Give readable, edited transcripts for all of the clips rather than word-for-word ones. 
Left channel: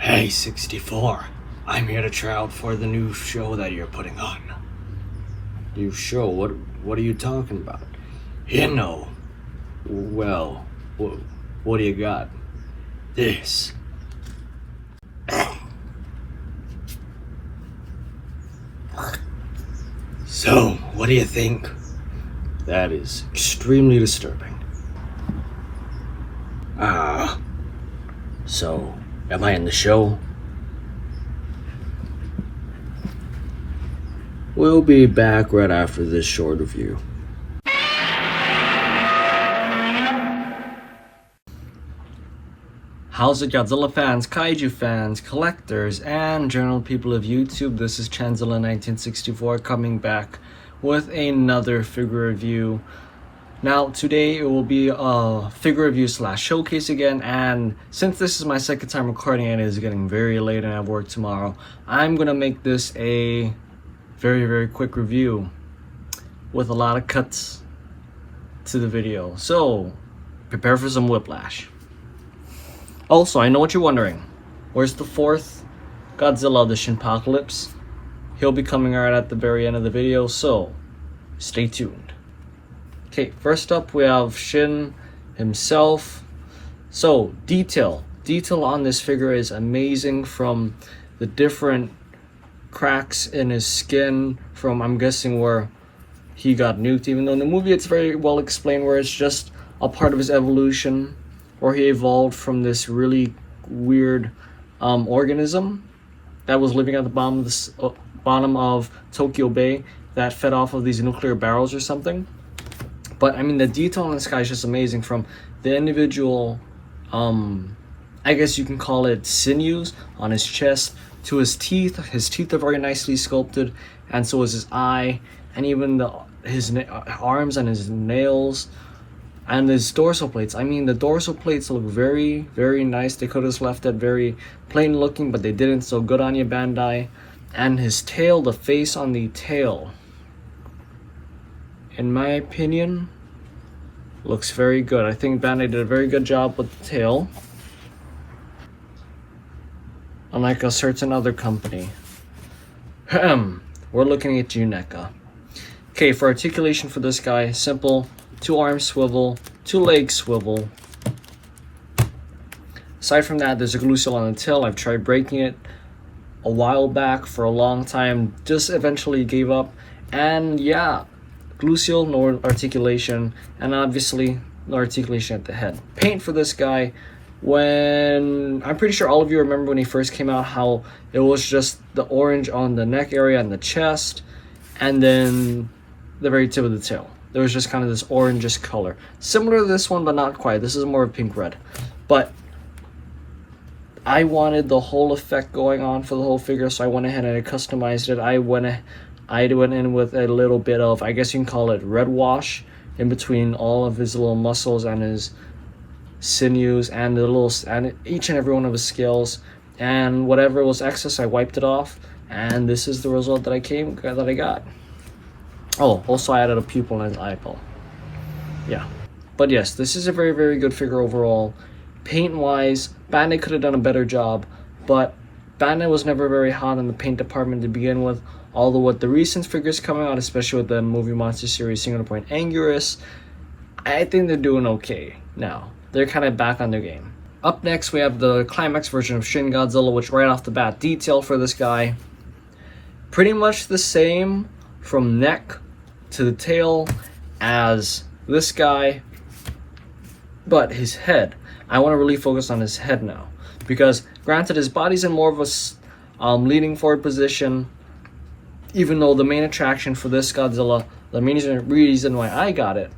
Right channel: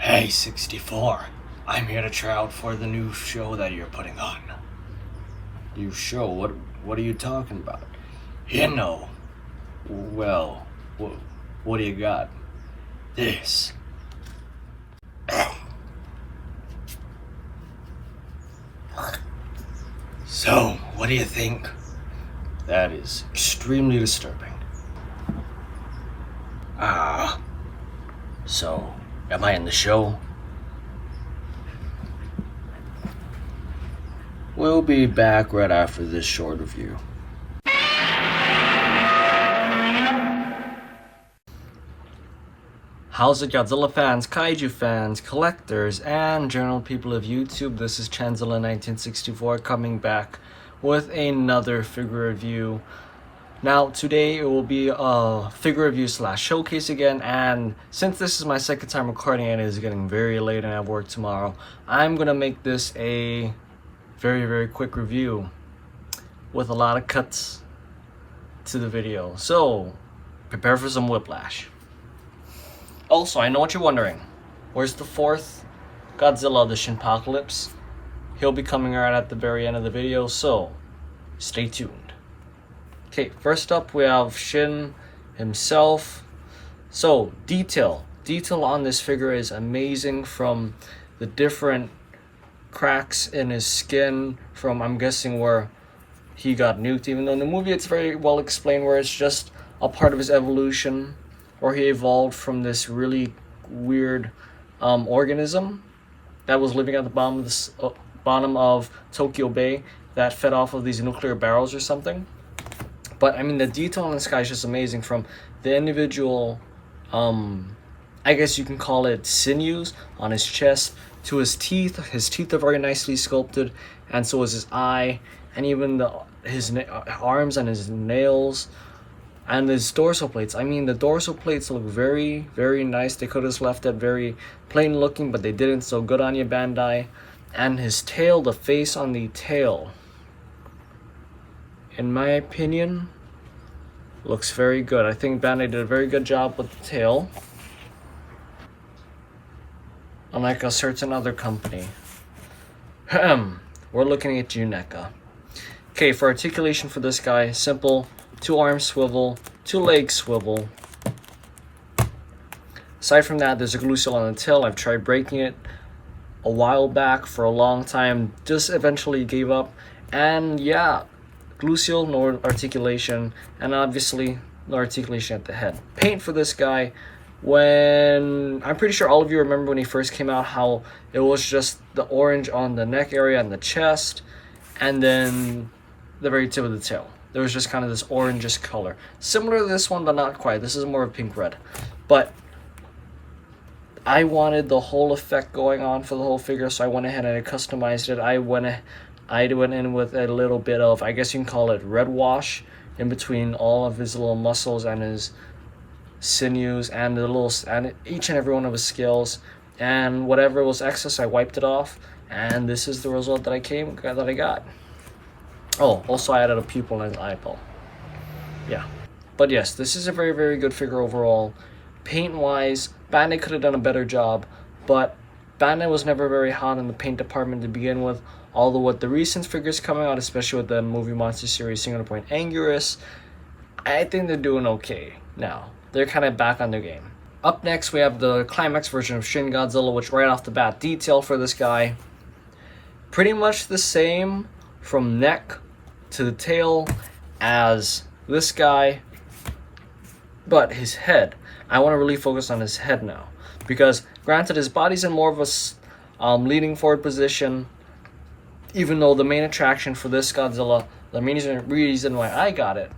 Hey, 64. I'm here to try out for the new show that you're putting on. New show? What are you talking about? You know. Well, what do you got? This. So, what do you think? That is extremely disturbing. So, am I in the show? We'll be back right after this short review. How's it, Godzilla fans, Kaiju fans, collectors, and general people of YouTube? This is Chanzilla1964 coming back with another figure review. Now, today it will be a figure review / showcase again, and since this is my second time recording and it is getting very late and I have work tomorrow, I'm gonna make this a very quick review with a lot of cuts to the video. So, prepare for some whiplash. Also, I know what you're wondering. Where's the fourth Godzilla, the Shinpocolypse? He'll be coming right at the very end of the video, so stay tuned. Okay, first up we have Shin himself. So, detail on this figure is amazing, from the different cracks in his skin from, I'm guessing, where he got nuked, even though in the movie it's very well explained where it's just a part of his evolution, or he evolved from this really weird organism that was living at the bottom of Tokyo Bay that fed off of these nuclear barrels or something. But I mean, the detail on this guy is just amazing, from the individual, I guess you can call it sinews on his chest to his teeth. His teeth are very nicely sculpted, and so is his eye, and even his arms and his nails. And his dorsal plates. I mean, the dorsal plates look very nice. They could have just left it very plain looking, but they didn't, so good on you, Bandai. And his tail, the face on the tail, in my opinion, looks very good. I think Bandai did a very good job with the tail, unlike a certain other company. We're looking at you, NECA. Okay, for articulation for this guy, simple. 2 arms swivel, 2 legs swivel. Aside from that, there's a glue on the tail. I've tried breaking it a while back for a long time, just eventually gave up. And yeah, glue seal, no articulation, and obviously no articulation at the head. Paint for this guy, when I'm pretty sure all of you remember when he first came out, how it was just the orange on the neck area and the chest, and then the very tip of the tail. There was just kind of this orangish color. Similar to this one, but not quite. This is more of pink red. But I wanted the whole effect going on for the whole figure, so I went ahead and I customized it. I went in with a little bit of, I guess you can call it red wash, in between all of his little muscles and his sinews and each and every one of his scales. And whatever was excess, I wiped it off. And this is the result that I got. Oh, also I added a pupil in his eyeball. Yeah. But yes, this is a very good figure overall. Paint-wise, Bandai could have done a better job, but Bandai was never very hot in the paint department to begin with. Although with the recent figures coming out, especially with the movie monster series Single Point Anguirus, I think they're doing okay now. They're kind of back on their game. Up next, we have the Climax version of Shin Godzilla, which right off the bat, detail for this guy, pretty much the same from neck to the tail as this guy, but his head, I want to really focus on his head now, because granted his body's in more of a leaning forward position, even though the main attraction for this Godzilla, the main reason why I got it,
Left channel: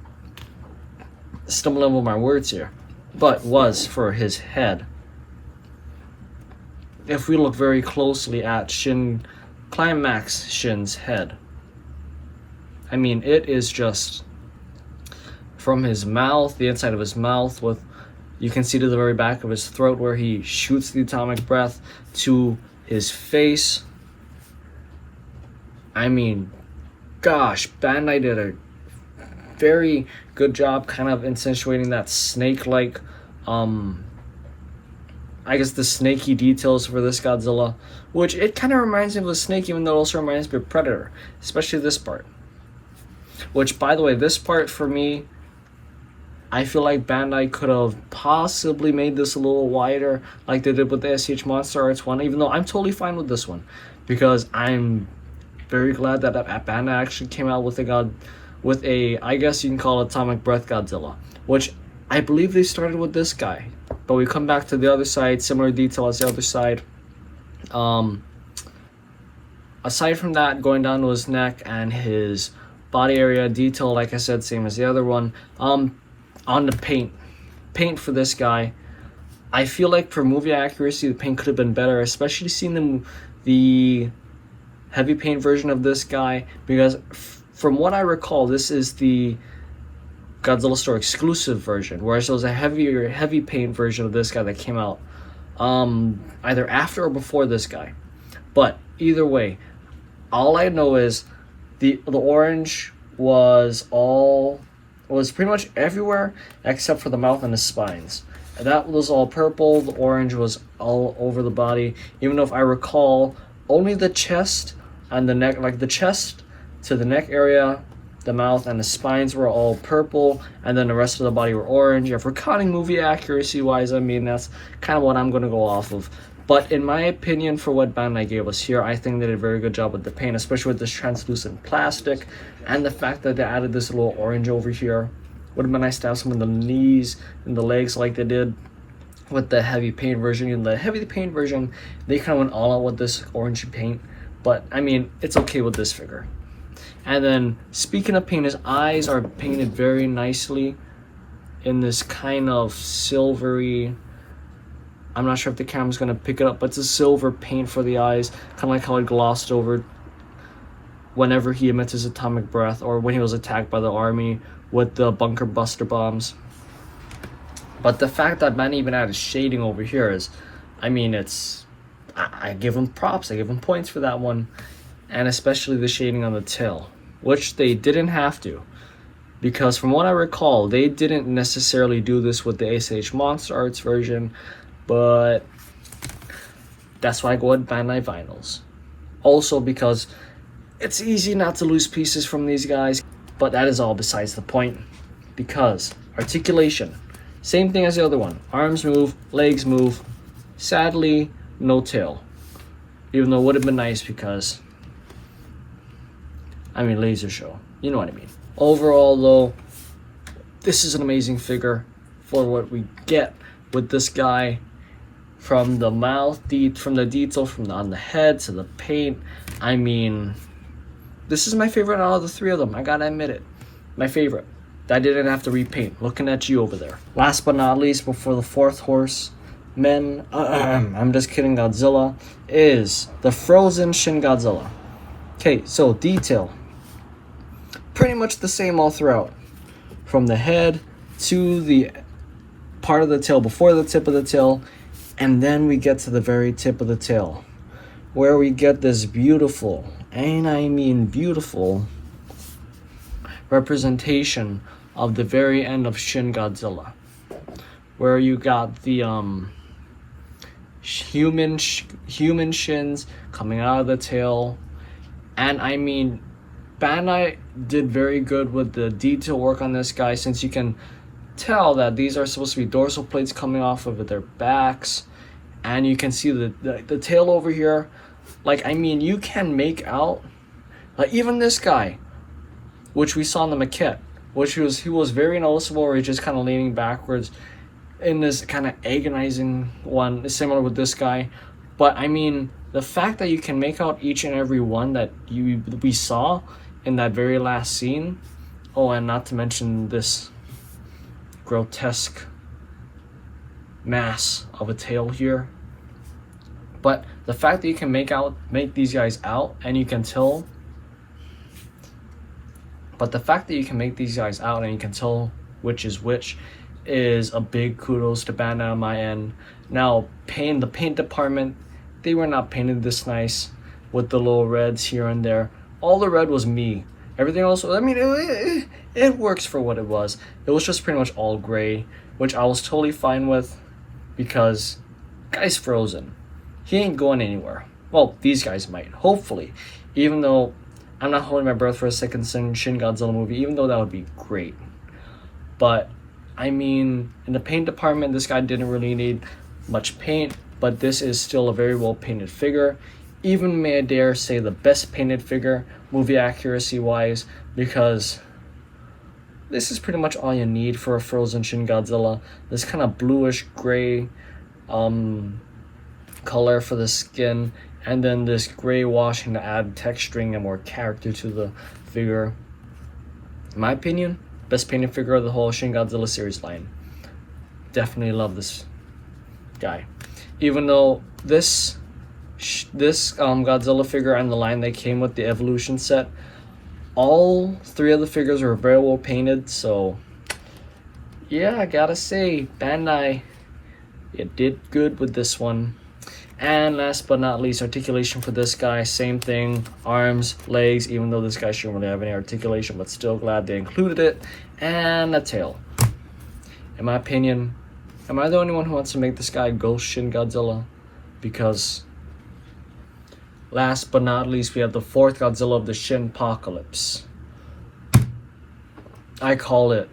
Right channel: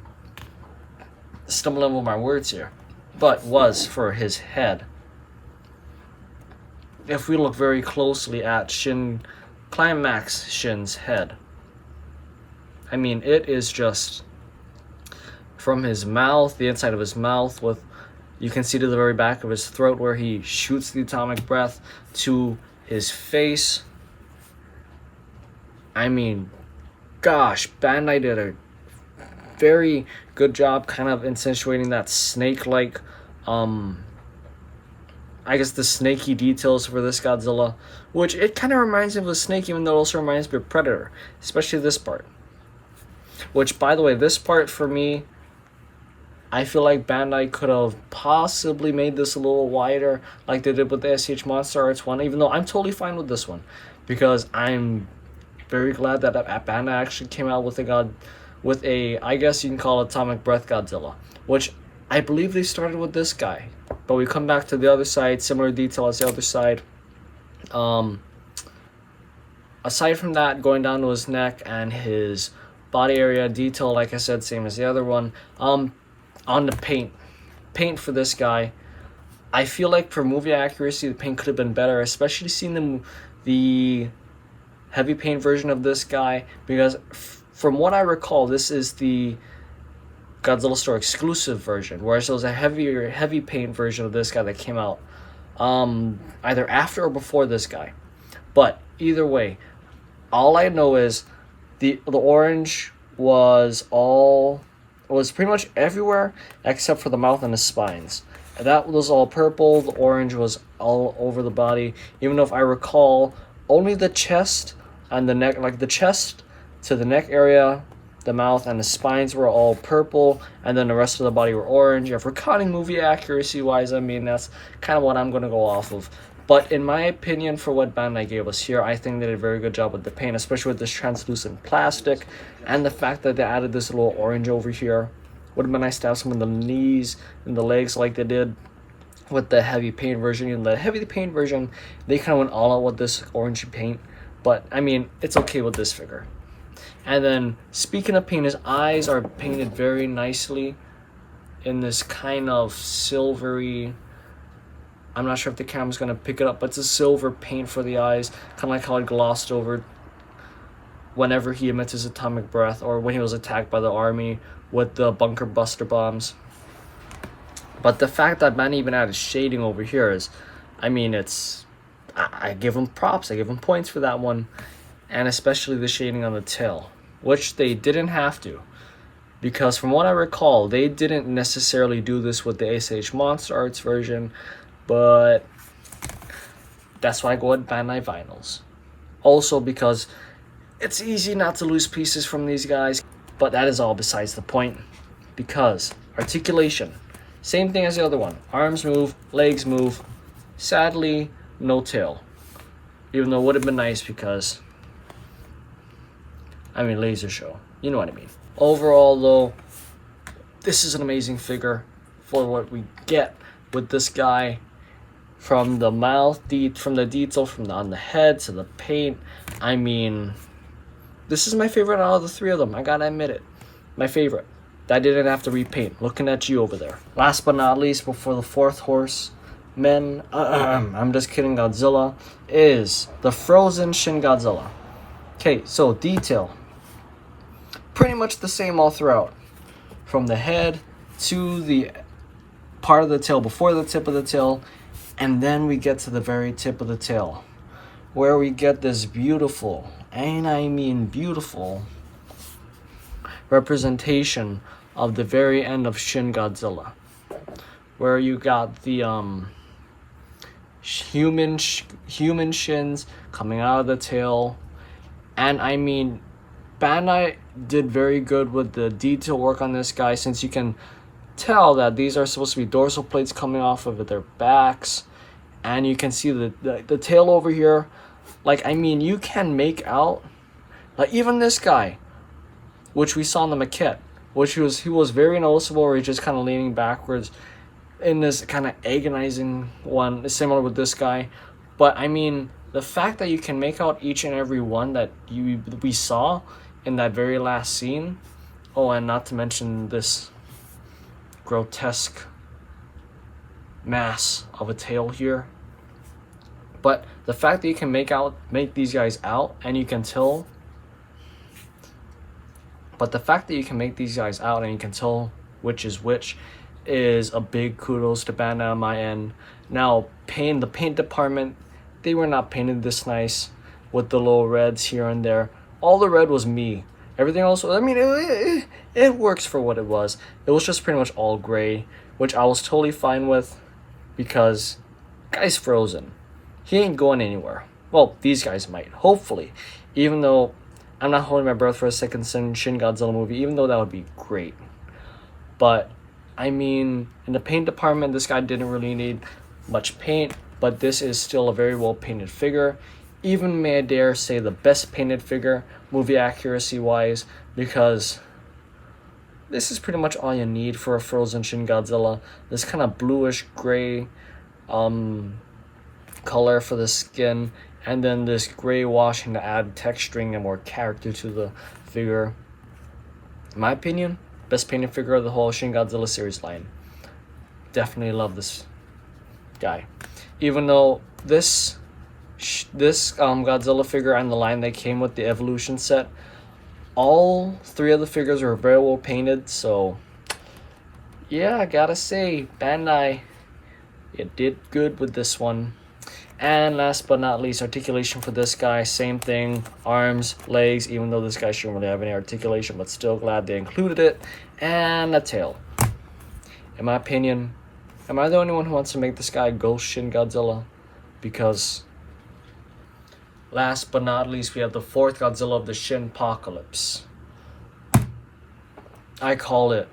stumbling over my words here, but was for his head. If we look very closely at Shin Climax Shin's head, I mean, it is just from his mouth, the inside of his mouth, with, you can see to the very back of his throat where he shoots the atomic breath, to his face. I mean, gosh, Bandai did a very good job kind of accentuating that snake-like I guess the snaky details for this Godzilla, which it kind of reminds me of a snake, even though it also reminds me of Predator, especially this part. Which, by the way, this part for me, I feel like Bandai could have possibly made this a little wider, like they did with the SH Monster Arts one, even though I'm totally fine with this one, because I'm very glad that Bandai actually came out with a I guess you can call it Atomic Breath Godzilla, which I believe they started with this guy, but we come back to the other side, similar detail as the other side. Aside from that, going down to his neck and his body area detail, like I said, same as the other one. On the paint for this guy, I feel like for movie accuracy, the paint could have been better, especially seeing the heavy paint version of this guy, because from what I recall, this is the Godzilla Store exclusive version, whereas there was a heavy paint version of this guy that came out either after or before this guy. But either way, all I know is the orange was pretty much everywhere except for the mouth and the spines. That was all purple. The orange was all over the body, even though if I recall, only the chest and the neck, like the chest to the neck area, the mouth and the spines were all purple, and then the rest of the body were orange. If we're counting movie accuracy wise, I mean, that's kind of what I'm going to go off of. But in my opinion, for what Bandai gave us here, I think they did a very good job with the paint, especially with this translucent plastic, and the fact that they added this little orange over here. Would have been nice to have some of the knees and the legs like they did with the heavy paint version. In the heavy paint version, they kind of went all out with this orange paint, but I mean, it's okay with this figure. And then, speaking of paint, his eyes are painted very nicely in this kind of silvery, I'm not sure if the camera's going to pick it up, but it's a silver paint for the eyes, kind of like how it glossed over whenever he emits his atomic breath, or when he was attacked by the army with the bunker buster bombs. But the fact that man even added shading over here is, I mean, I give him props, I give him points for that one, and especially the shading on the tail, which they didn't have to, because from what I recall, they didn't necessarily do this with the SH Monster Arts version, but that's why I go with Bandai Vinyls. Also because it's easy not to lose pieces from these guys, but that is all besides the point, because articulation, same thing as the other one. Arms move, legs move. Sadly, no tail. Even though it would have been nice because, I mean, laser show. You know what I mean. Overall, though, this is an amazing figure for what we get with this guy. From the mouth, from the detail, on the head to the paint. I mean, this is my favorite out of the three of them. I gotta admit it. My favorite. I didn't have to repaint. Looking at you over there. Last but not least, before the fourth horseman, I'm just kidding, Godzilla, is the frozen Shin Godzilla. Okay, so detail. Pretty much the same all throughout. From the head to the part of the tail before the tip of the tail, and then we get to the very tip of the tail, where we get this beautiful, and I mean beautiful, representation of the very end of Shin Godzilla, where you got the human shins coming out of the tail. And I mean, Bandai did very good with the detail work on this guy, since you can tell that these are supposed to be dorsal plates coming off of their backs, and you can see the tail over here. Like, I mean, you can make out, like, even this guy, which we saw in the maquette, which he was very noticeable, where he's just kind of leaning backwards in this kind of agonizing one, similar with this guy. But I mean, the fact that you can make out each and every one that we saw in that very last scene. Oh, and not to mention this grotesque mass of a tail here. But the fact that you can make these guys out, and you can tell. But the fact that you can make these guys out and you can tell which is which is a big kudos to Bandai on my end. Now, the paint department, they were not painted this nice with the little reds here and there. All the red was me. Everything else, I mean, it works for what it was. It was just pretty much all gray, which I was totally fine with, because Guy's frozen. He ain't going anywhere. Well, these guys might, hopefully. Even though I'm not holding my breath for a second Shin Godzilla movie, even though that would be great. But, I mean, in the paint department, this guy didn't really need much paint, but this is still a very well painted figure. Even, may I dare say, the best painted figure, movie accuracy wise, because this is pretty much all you need for a frozen Shin Godzilla. This kind of bluish gray color for the skin, and then this gray washing to add texturing and more character to the figure. In my opinion, best painted figure of the whole Shin Godzilla series line. Definitely love this guy. Even though this Godzilla figure and the line that came with the Evolution set, all three of the figures were very well painted, so yeah, I gotta say, Bandai, you did good with this one. And last but not least, articulation for this guy, same thing, arms, legs, even though this guy shouldn't really have any articulation, but still glad they included it, and a tail. In my opinion, am I the only one who wants to make this guy Ghost Shin Godzilla? Because last but not least, we have the fourth Godzilla of the Shinpocolypse. I call it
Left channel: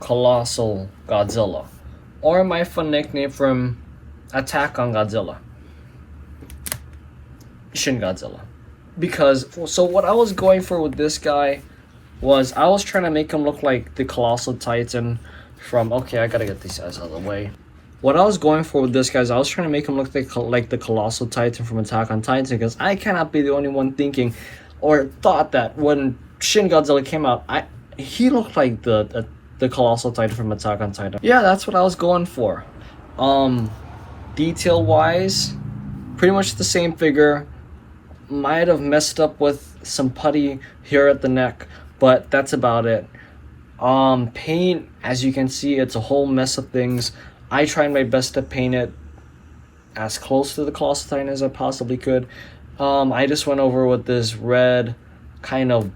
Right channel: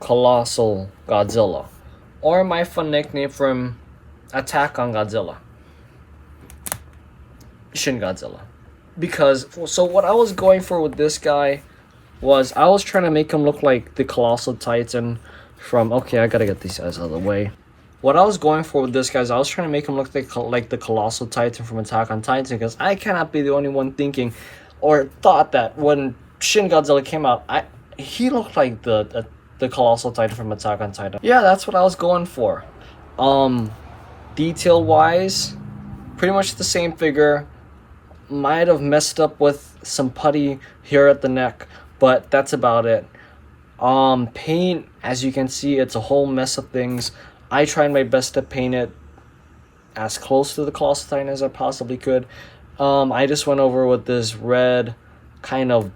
Colossal Godzilla, or my fun nickname from Attack on Godzilla, Shin Godzilla. Because, so what I was going for with this guy was, I was trying to make him look like the Colossal Titan from, okay, I gotta get these guys out of the way. What I was going for with this guy is I was trying to make him look like the Colossal Titan from Attack on Titan, because I cannot be the only one thinking or thought that when Shin Godzilla came out, he looked like the Colossal Titan from Attack on Titan. Yeah, that's what I was going for. Detail wise, pretty much the same figure. Might have messed up with some putty here at the neck, but that's about it. Paint, as you can see, it's a whole mess of things. I tried my best to paint it as close to the Colossal Titan as I possibly could. I just went over with this red kind of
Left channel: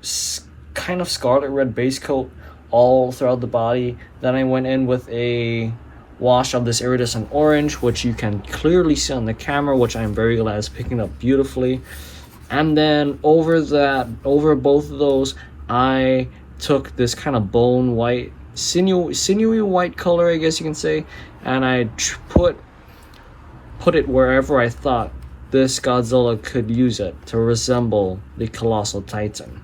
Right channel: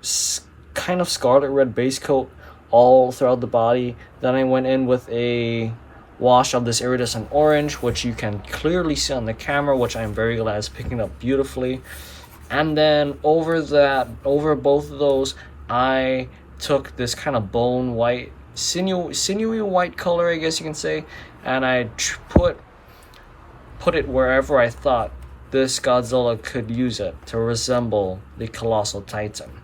scarlet red base coat all throughout the body. Then I went in with a wash of this iridescent orange, which you can clearly see on the camera, which I'm very glad is picking up beautifully. And then over both of those, I took this kind of bone white, sinewy white color, I guess you can say, and I put it wherever I thought this Godzilla could use it to resemble the Colossal Titan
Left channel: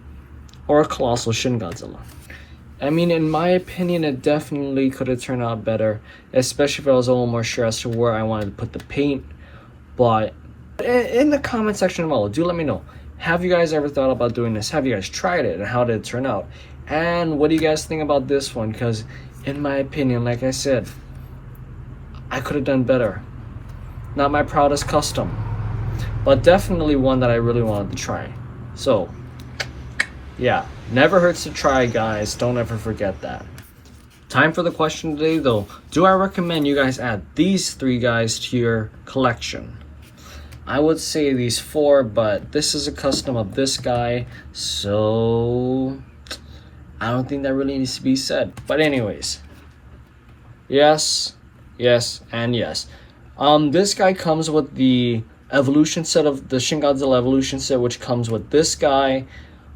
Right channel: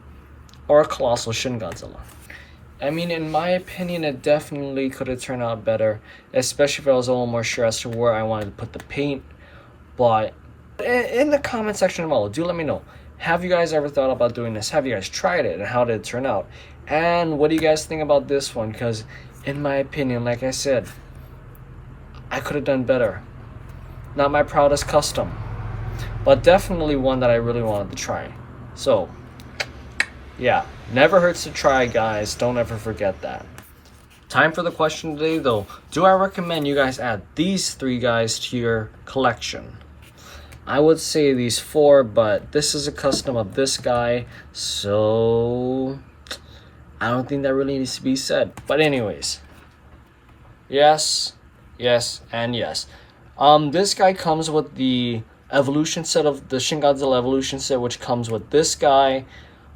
or Colossal Shin Godzilla. I mean, in my opinion, it definitely could have turned out better, especially if I was a little more sure as to where I wanted to put the paint. But in the comment section below, do let me know, have you guys ever thought about doing this? Have you guys tried it, and how did it turn out? And what do you guys think about this one? Because in my opinion, like I said, I could have done better. Not my proudest custom, but definitely one that I really wanted to try. So yeah, never hurts to try, guys. Don't ever forget that. Time for the question today, though. Do I recommend you guys add these three guys to your collection? I would say these four, but this is a custom of this guy, so I don't think that really needs to be said. But anyways, yes, and yes. This guy comes with the evolution set of the Shin Godzilla evolution set, which comes with this guy,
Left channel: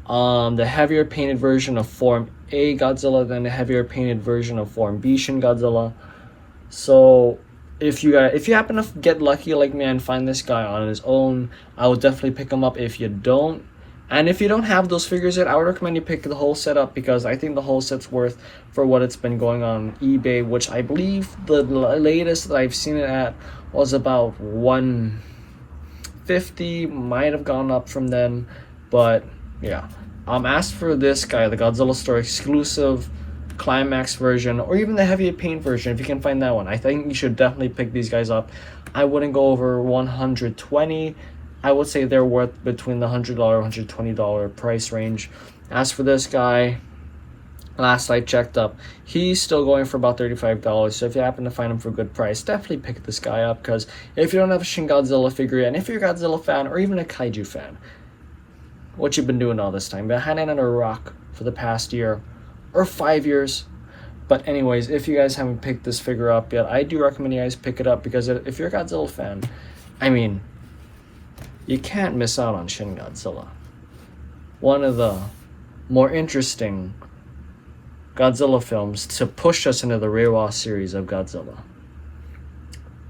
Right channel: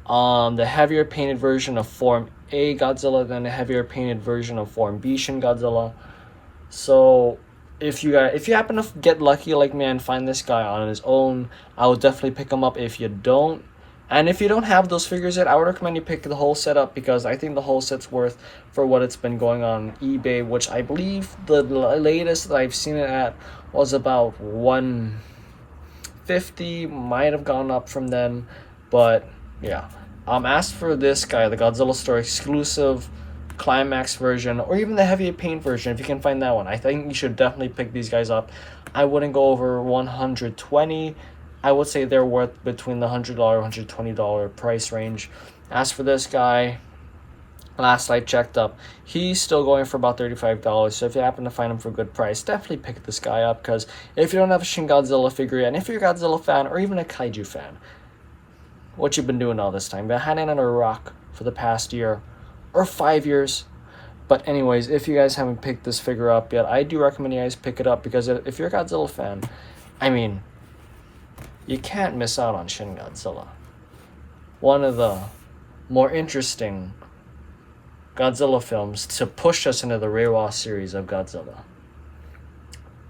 the heavier painted version of Form A Godzilla, then the heavier painted version of Form B Shin Godzilla. So if you happen to get lucky like me and find this guy on his own, I would definitely pick him up. If you don't, and if you don't have those figures yet, I would recommend you pick the whole set up, because I think the whole set's worth for what it's been going on eBay, which I believe the latest that I've seen it at was about $150, might have gone up from then, but yeah. As for this guy, the Godzilla Store exclusive Climax version, or even the heavy paint version, if you can find that one, I think you should definitely pick these guys up. I wouldn't go over $120. I would say they're worth between the $100 $120 price range. As for this guy, last I checked up, he's still going for about $35. So if you happen to find him for a good price, definitely pick this guy up, because if you don't have a Shin Godzilla figure yet, and if you're a Godzilla fan or even a kaiju fan, what you've been doing all this time, been hiding under a rock for the past year or 5 years, But anyways, if you guys haven't picked this figure up yet, I do recommend you guys pick it up, because if you're a Godzilla fan, I mean, you can't miss out on Shin Godzilla. One of the more interesting Godzilla films to push us into the Reiwa series of Godzilla.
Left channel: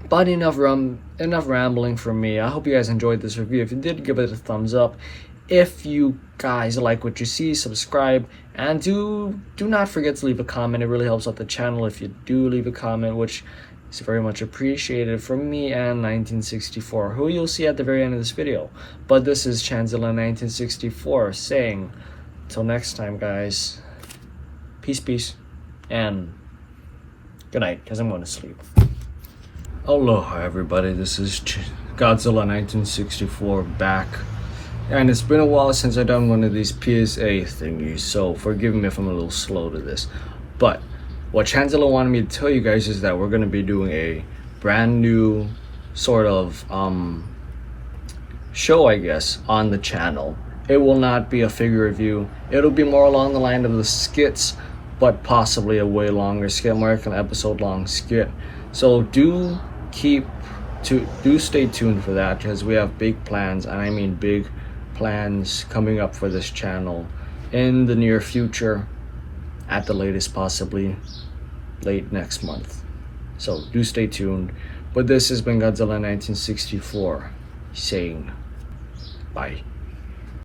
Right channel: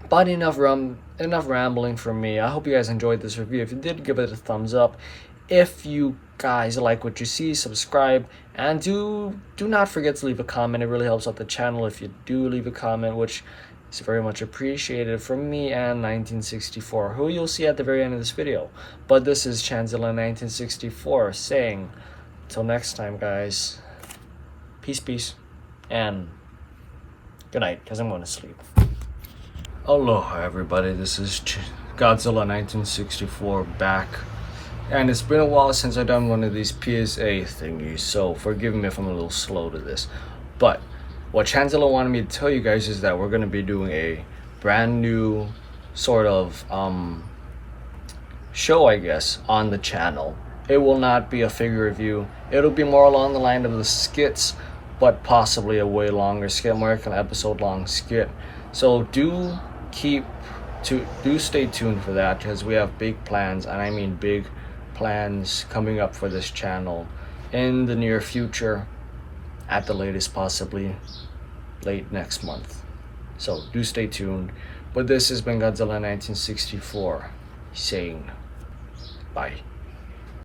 But enough rambling from me. I hope you guys enjoyed this review. If you did, give it a thumbs up. If you guys like what you see, subscribe, and do not forget to leave a comment. It really helps out the channel if you do leave a comment, which is very much appreciated from me and 1964, who you'll see at the very end of this video. But this is Chanzilla 1964 saying, till next time, guys, peace, and good night, because I'm going to sleep. Aloha, everybody. This is Godzilla 1964 back. And it's been a while since I've done one of these PSA thingies, so forgive me if I'm a little slow to this. But what Chanzilla wanted me to tell you guys is that we're going to be doing a brand new sort of show, I guess, on the channel. It will not be a figure review. It'll be more along the line of the skits, but possibly a way longer skit, more like an episode long skit. So do stay tuned for that, because we have big plans, and I mean big plans, coming up for this channel in the near future, at the latest possibly late next month. So do stay tuned. But this has been Godzilla 1964 saying bye.